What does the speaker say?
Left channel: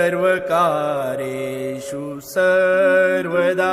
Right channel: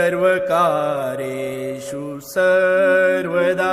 सर्वकारेषु सर्वदा.